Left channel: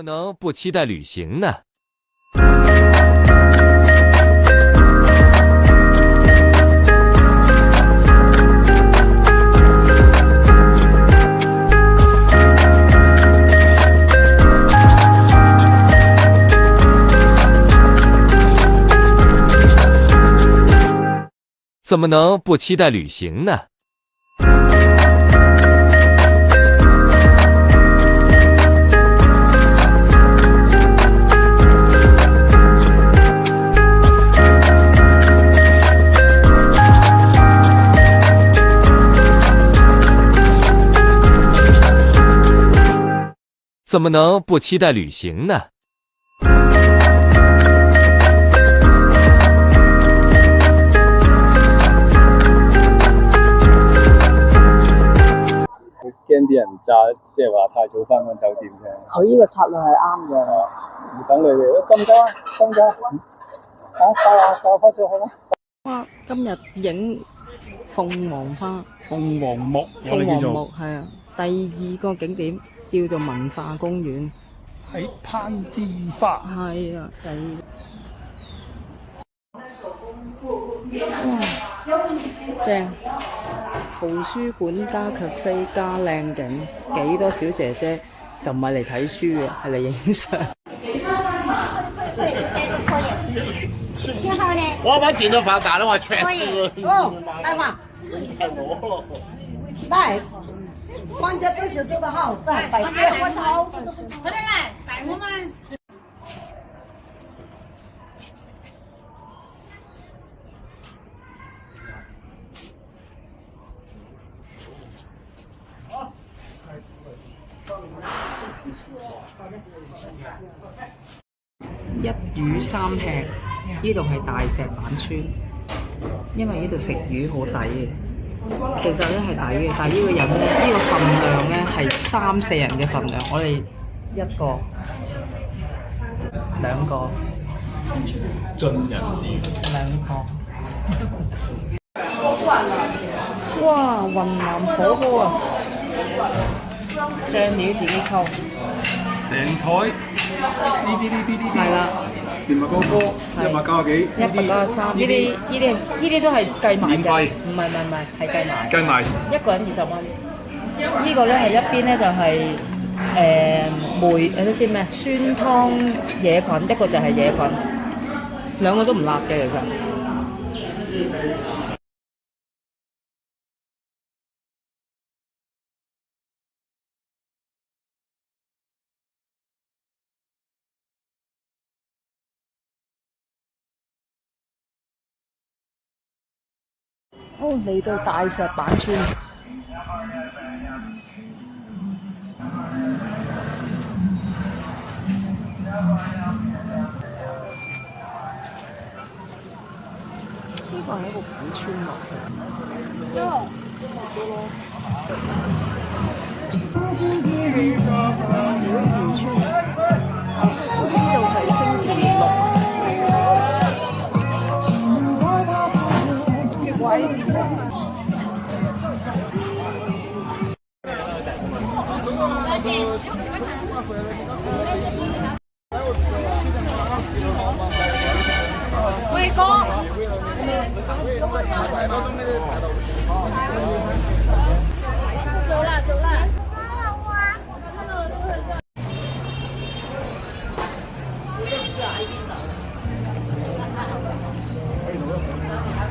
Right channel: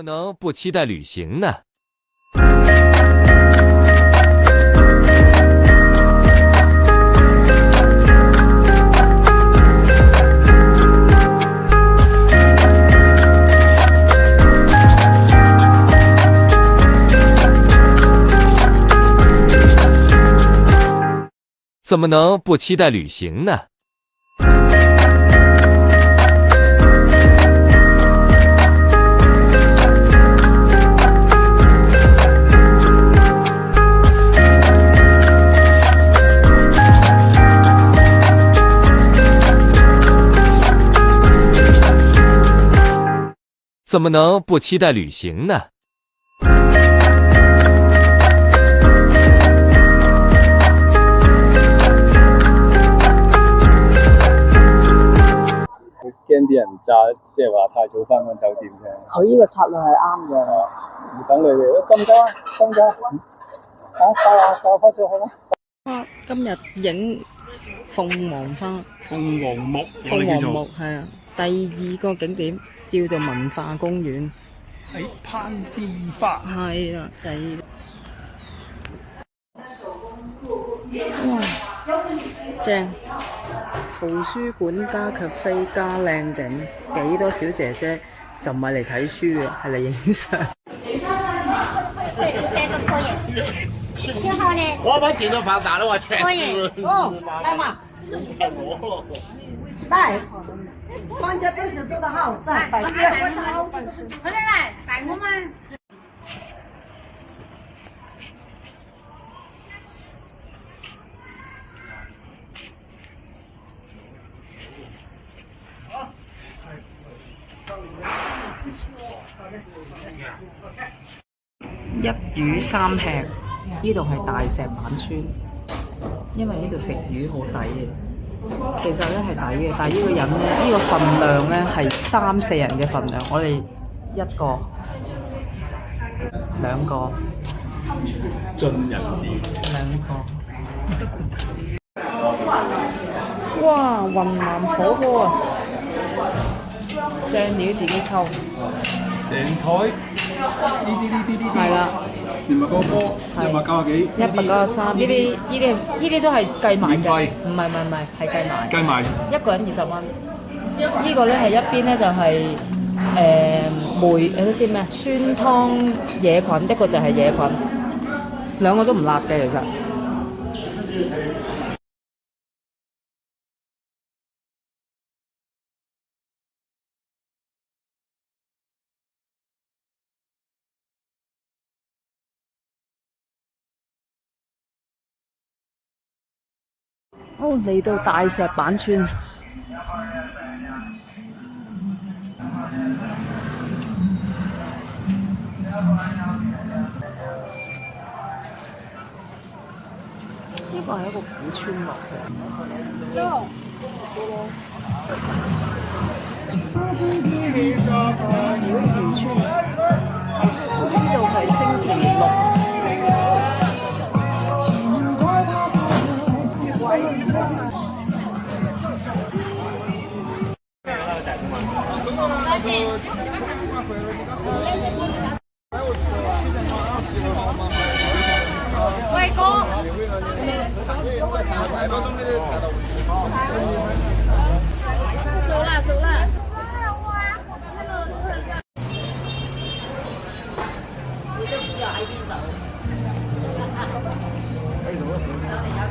么能不期待旅行呢？怎么能不期待旅行呢？怎么能不期待旅行呢？驚啲人揸，即係話太早翻返酒店啫。佢呢個策略係啱嘅。唔等你哋，得唔得啊？得唔得啊？帶我翻上去啦。哇！今日影鳳凰花。鳳凰木。鳳凰木係啊，第二個景點叫做文化公園。喺攀枝花。係啦，就係。哇！正！圖書館加咖啡加靚景，幾多小姐姐就唔係嚟睇書嘅，係嚟影相。我们进的放啥的话，全是来嘛，自己太多了。来，专家对手做得好，来，快点来，摆我们。一魚三吃，呢度係大石板村，因為呢度食魚好抵嘅。其實咧係抵嘅，但係呢個人咧，呢個份量咧係3、4人嘅份量，我哋1個、2個，盡人事。2個。哇！雲南火鍋啊，醬料自己溝。成台呢啲係啦。原物個波190幾，193呢啲都係計埋嘅，唔係係計埋，一個人20蚊。呢個咧係一邊咧就係睇先咩酸湯野菌，一個就係野菌，兩個都唔辣嘅其實。哦，嚟到大石板村，呢個係一個古村落嘅。小漁村，呢度係星期6。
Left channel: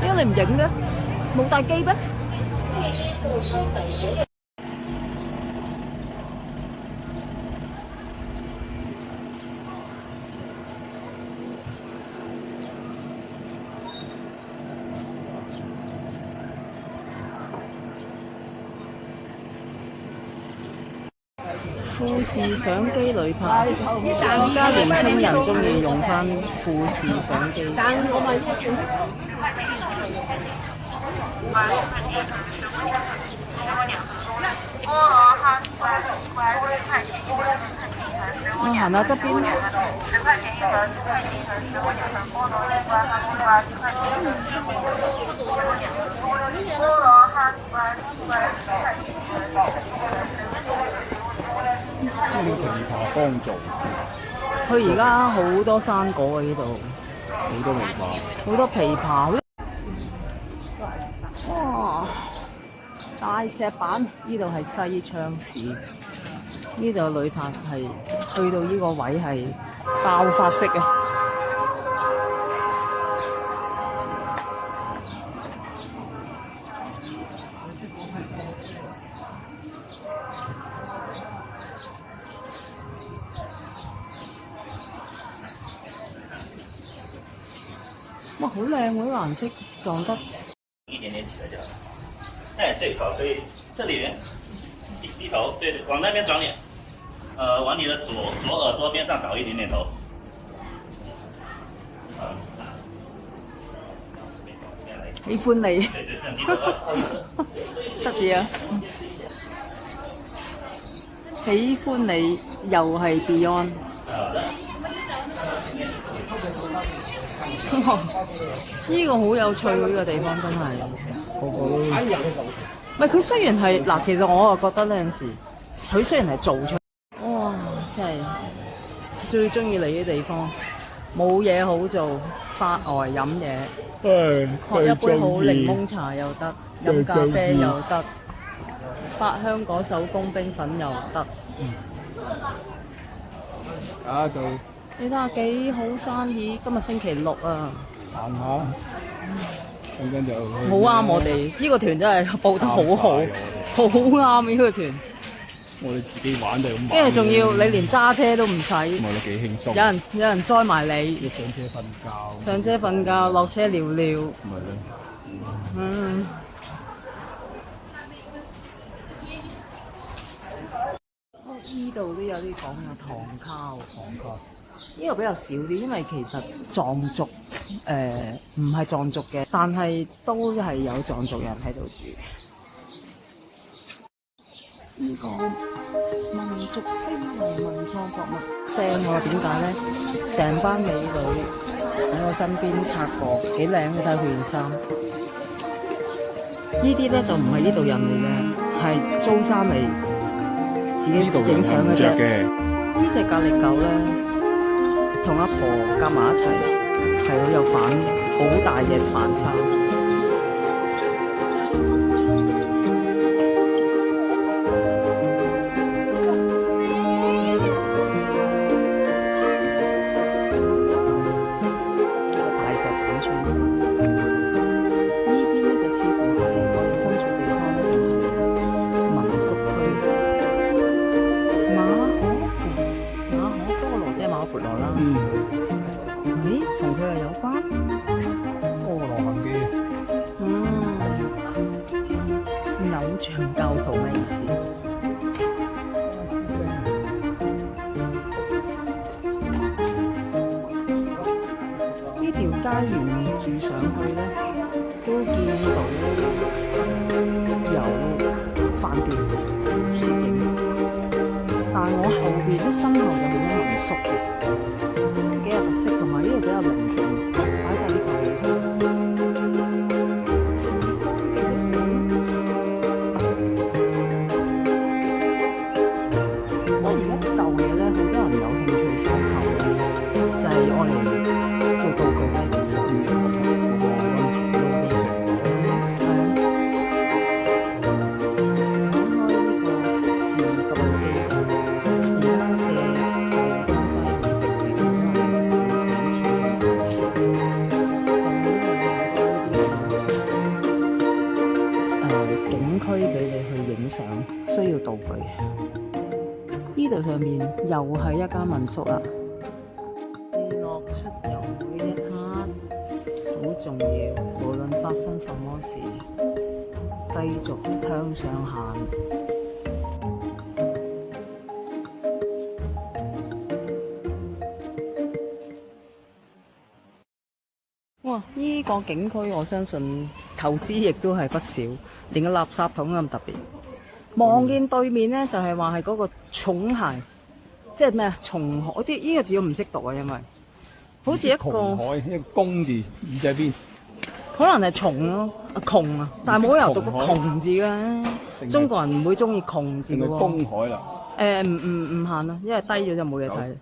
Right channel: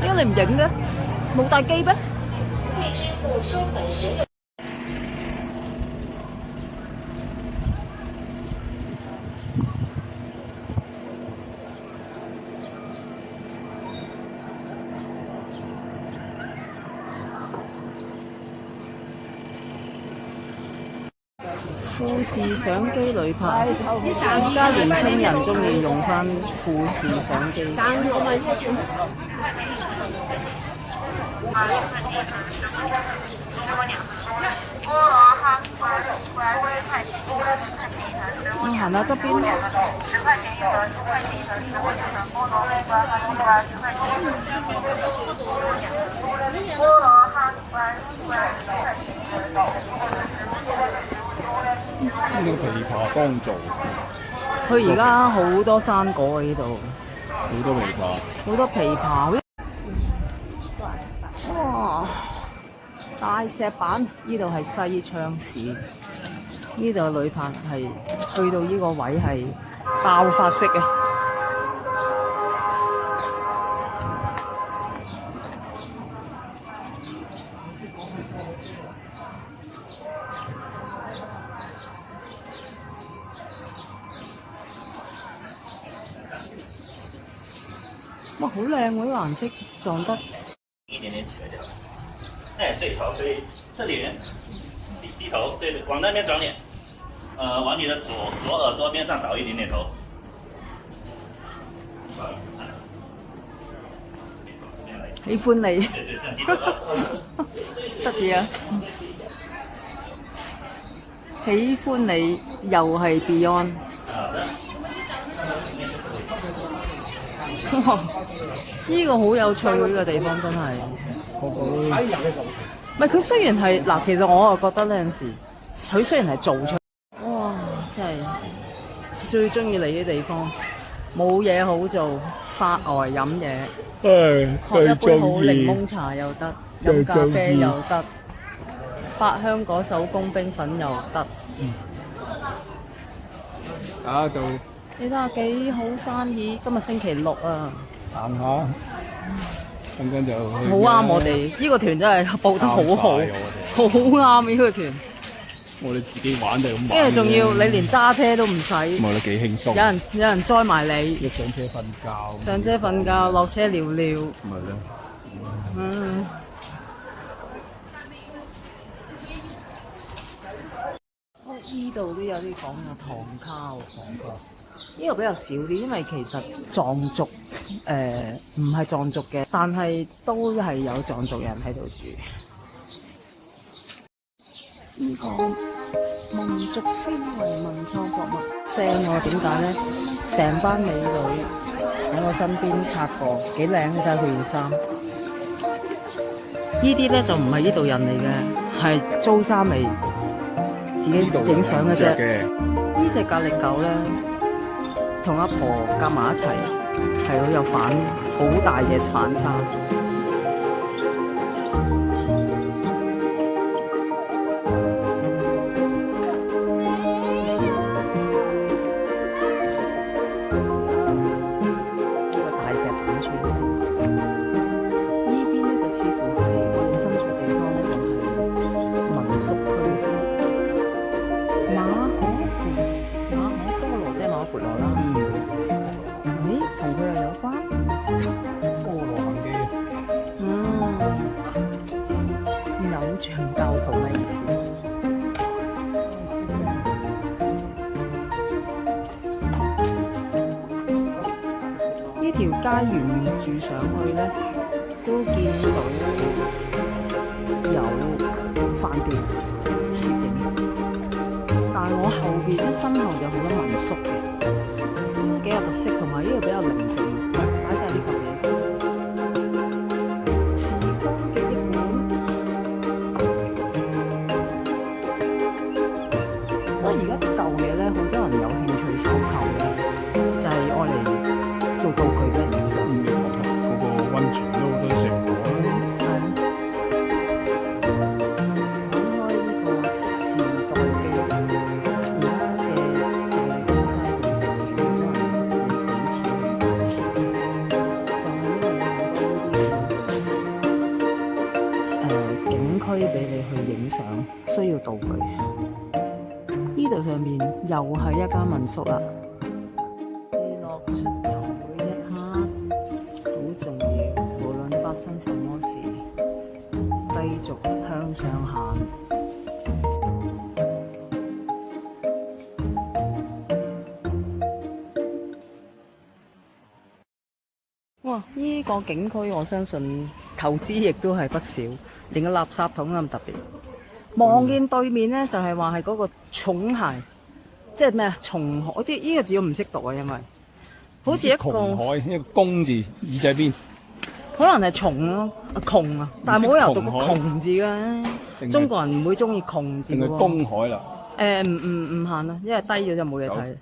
點解你唔影嘅？冇帶機咩？富士相機旅拍，而家年青人中意用返富士相機。我行下側邊。呢個琵琶幫助，佢而家好多生果喺呢度，好多味道。好多枇杷。哇！大石板，呢度係西昌市，呢度旅客係去到呢個位係爆發式嘅。哇，好靚喎！呢個顏色撞得。一点点起来就好。哎，对头可以侧脸，低头，对，往那边转脸，往你的左耳朵边上倒一点点头。喜歡你，对对对，低頭。得意啊！喜歡你又係 Beyond。哇！呢個好有趣喎，呢個地方真係。唔係佢雖然係嗱，其實我啊覺得呢陣時，佢雖然係做出，哇！真係最中意嚟嘅地方，冇嘢好做，發呆飲嘢，喝一杯好檸檬茶又得，飲咖啡又得，八香果手工冰粉又得。就你睇下幾好生意，今日星期六啊！行下，咁跟就好啱我哋，呢個團真係報得好好，好啱呢個團。我哋自己玩就咁。跟住仲要你連揸車都唔使，我哋幾輕鬆。有人載埋你，你上車瞓覺。上車瞓覺，落車聊聊。咪咯。嗯。呢度都有啲講有糖烤，呢度比較少啲，因為其實藏族唔係藏族嘅，但係都係有藏族人喺度住。呢個民族風遺文創博物聲喎，點解咧？成班美女喺我身邊擦過，幾靚，你睇佢件衫。呢啲咧就唔係呢度人嚟嘅，係租衫嚟。自己影相嘅啫。呢隻格力狗咧，同阿婆夾埋一齊，係好有好大嘅反差。呢個大石板村，呢邊咧就似乎係我哋身處地方咧，就係民宿區。馬可波羅即係馬可孛羅啦。咦，同佢又有關？波羅行機。偶像教徒嘅意思。呢條街沿住上去咧，都見到有飯店攝影。但係我後邊咧，身後有好多民宿嘅，幾有特色，同埋呢度比較寧靜，擺晒呢嚿嘢。時光嘅一本，所以而家啲舊嘢咧，好多人有興趣收購嘅，就係愛嚟做道具俾人影相。溫泉都食。係啊。講開呢個時代嘅。區俾你去影相，需要道具。呢度上面又係一間民宿啦。落出遊每一刻好重要，無論發生什麼事，繼續向上行。哇！呢個景區我相信投資亦都係不少，連個垃圾桶咁特別。望見對面咧，就係話係嗰個重鞋，即係咩啊？松海啲呢個字我唔識讀啊，因為好似一個窮海一個公字耳仔邊，可能係蟲咯，窮啊，但係冇理由讀個窮字嘅。中國人唔會中意窮字嘅喎。公海啦。唔行啦，因為低咗就冇嘢睇。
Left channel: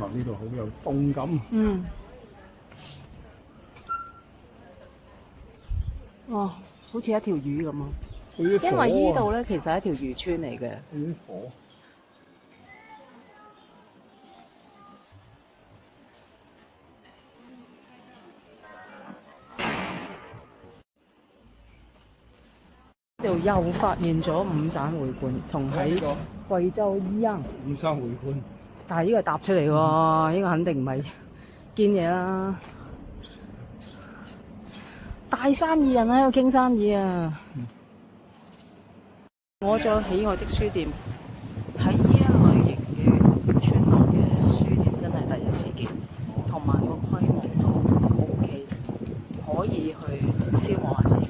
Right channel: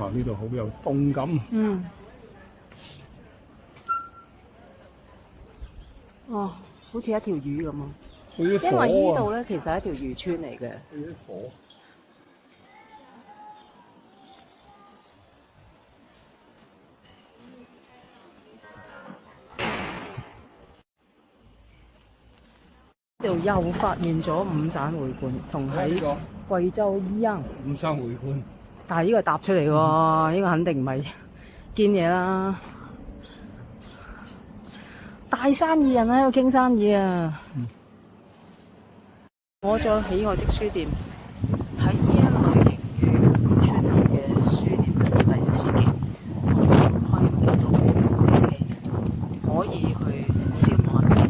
哇！呢度好有動感。嗯。哦，好似一條魚咁啊！因為呢度咧其實係一條漁村嚟嘅。啲火。呢度又發現咗五省會館，同喺貴州一樣。五省會館。但係呢個係搭出嚟喎，呢個肯定唔係堅嘢啦。大生意人喺度傾生意啊！我最喜愛的書店，喺呢一類型嘅村口嘅書店真係第一次見，同埋個規模都 OK， 可以去消磨下時間。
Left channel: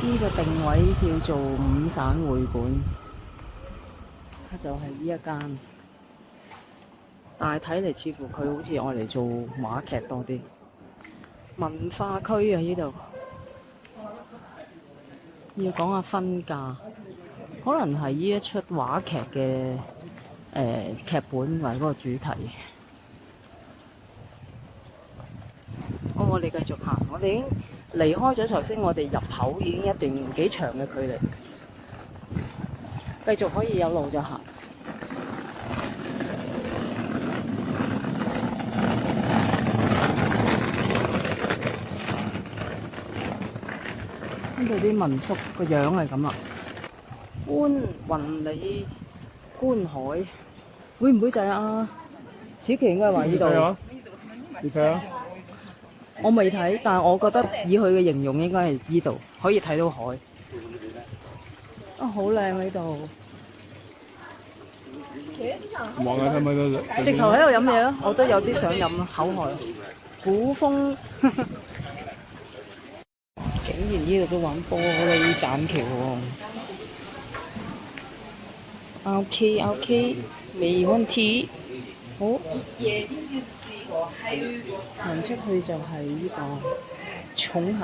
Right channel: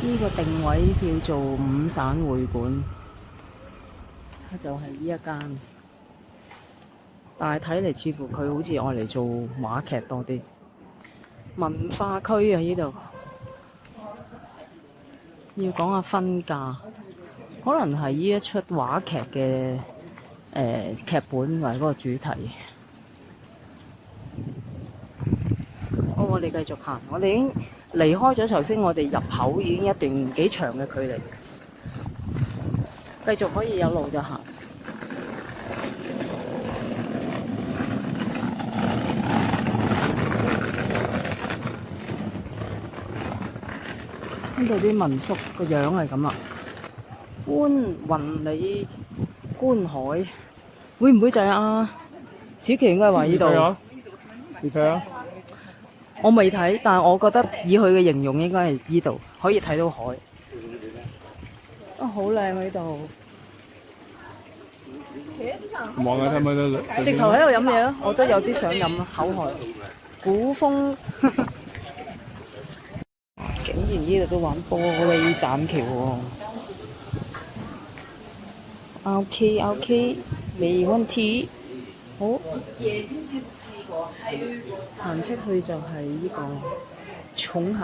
呢個定位叫做五省會館，就係呢一間，但係睇嚟似乎佢好似愛嚟做話劇多啲。文化區啊，呢度要講下分價，可能係呢一出話劇嘅劇本或者嗰個主題。好，我哋繼續行，我哋已經離開咗頭先我哋入口已經一段幾長嘅距離，繼續可以有路就行。呢度啲民宿個樣係咁啊，雲里觀海，會唔會就係啊？小琪應該話呢度。你睇啊！我未睇，但係我覺得以佢嘅形容應該係呢度，可以睇到海。啊，好靚啊呢度！望下係咪直頭喺度飲嘢咯，我都有啲想飲啊，口渴。古風，竟然呢度都玩玻璃棧橋喎。OK， 未問題。好。行出去就係呢個重鞋。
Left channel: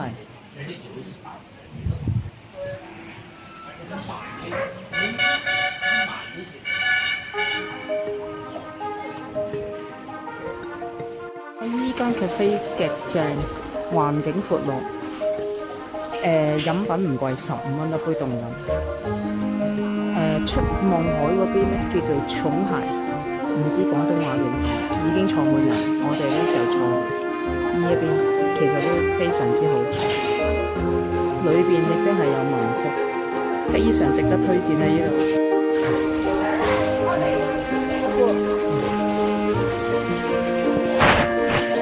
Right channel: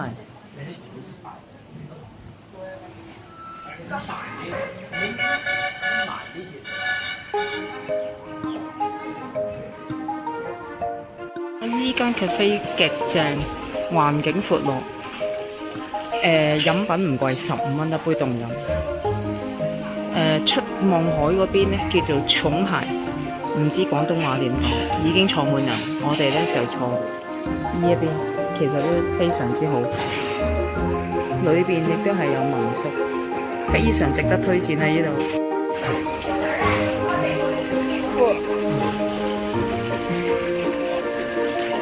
呢間 cafe 極正，環境闊落，飲品唔貴，15蚊一杯凍飲。出望海嗰邊咧叫做重鞋。唔知廣東話點講，已經坐滿人，我哋咧就坐呢一邊，其實都非常之好。裏邊亦都係有民宿，非常值得推薦喺呢度。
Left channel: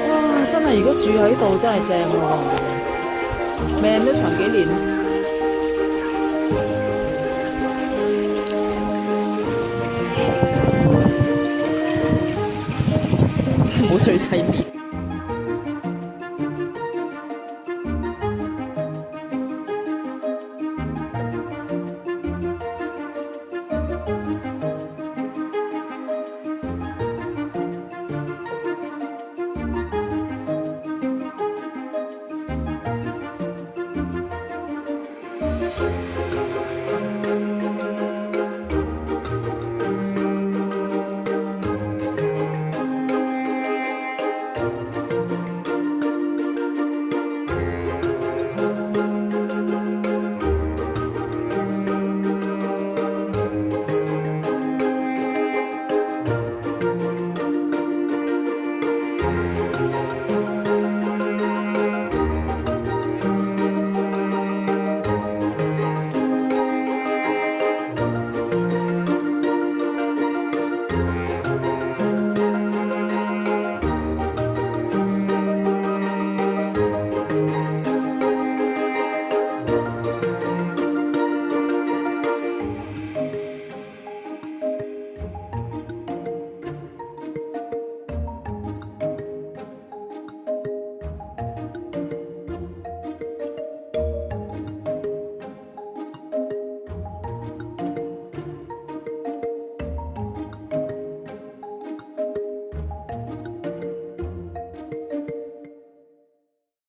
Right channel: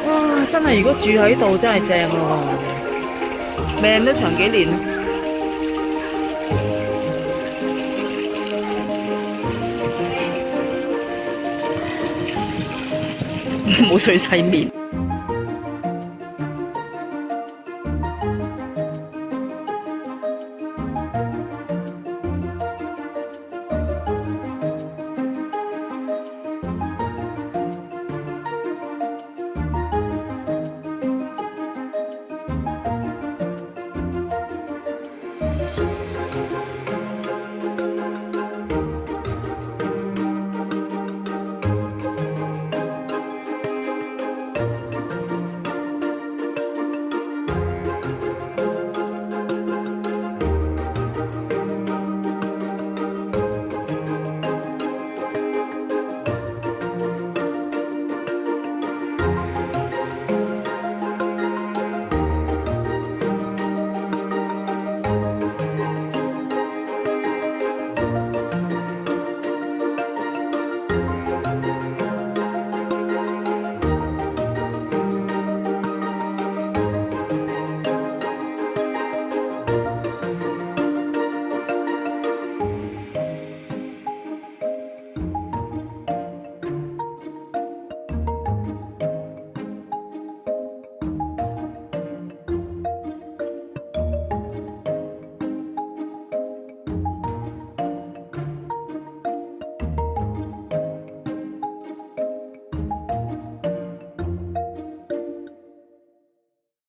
哇！真係如果住喺度真係正喎，命都長幾年。冇水洗面。